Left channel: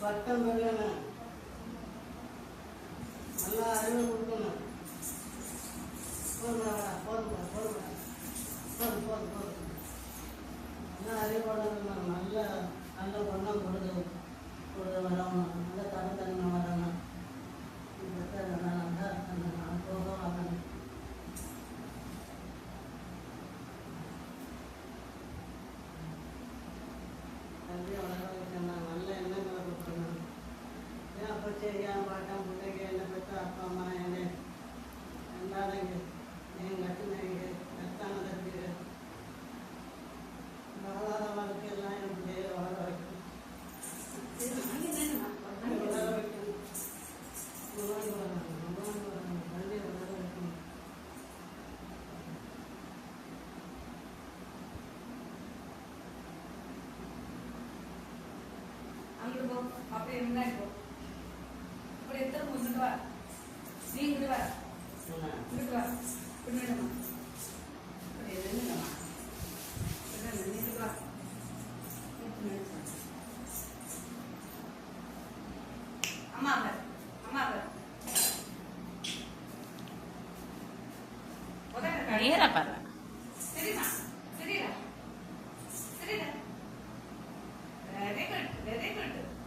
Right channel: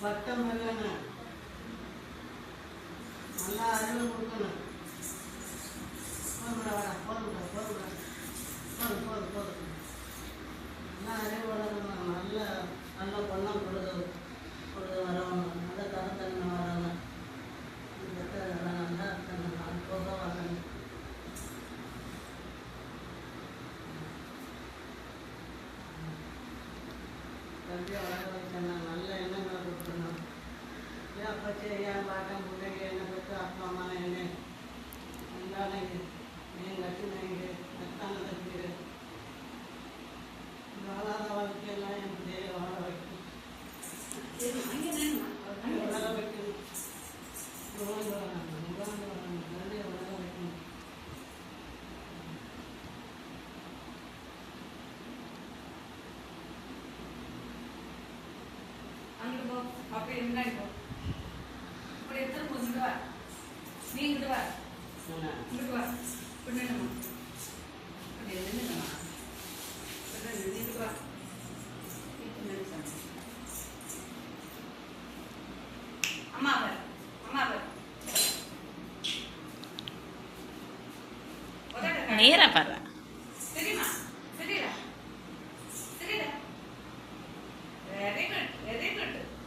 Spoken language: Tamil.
பட்டம் பெறணும், நல்லா அறிவு கொடுக்கணும். நல்லா அறிவு வளர்க்கணும், நல்ல நல்ல பொண்ணம் கொடுத்து வரணும், நல்ல தரத்தன்மை வரணும், நல்லா போக வரணும். கல்வியை வளர வைக்கணும், நல்ல எண்ணங்களை கொடுக்கணும். ஏன் அப்பச்சி ஏன் பாட்டம் பிள்ளைங்க என்ன பெற்று அப்பா அம்மா என்ன அன்பானது என் லட்சுமி நத்தான கல்விகள் இந்த வளர வாழ்க்கையெல்லாம் எனக்கு வாழ வைக்கணும், வளர வைக்கணும், நோய் வரணும், கல்வியை வளர வைக்கணும். அப்படியே முன்னாடி போ, அப்படி எடுத்து இங்கிட்டு வா, நீ இங்கிட்டு வா, இங்கிட்டு வா, பின்னாடிமா அப்படி நின்றுங்கம்மா, இங்கிட்டு வா, அம்மா அவர் அம்மா அவர் நேரா பாரு. சரிம்மா, சரிடா சரிடா, வெரி குட்.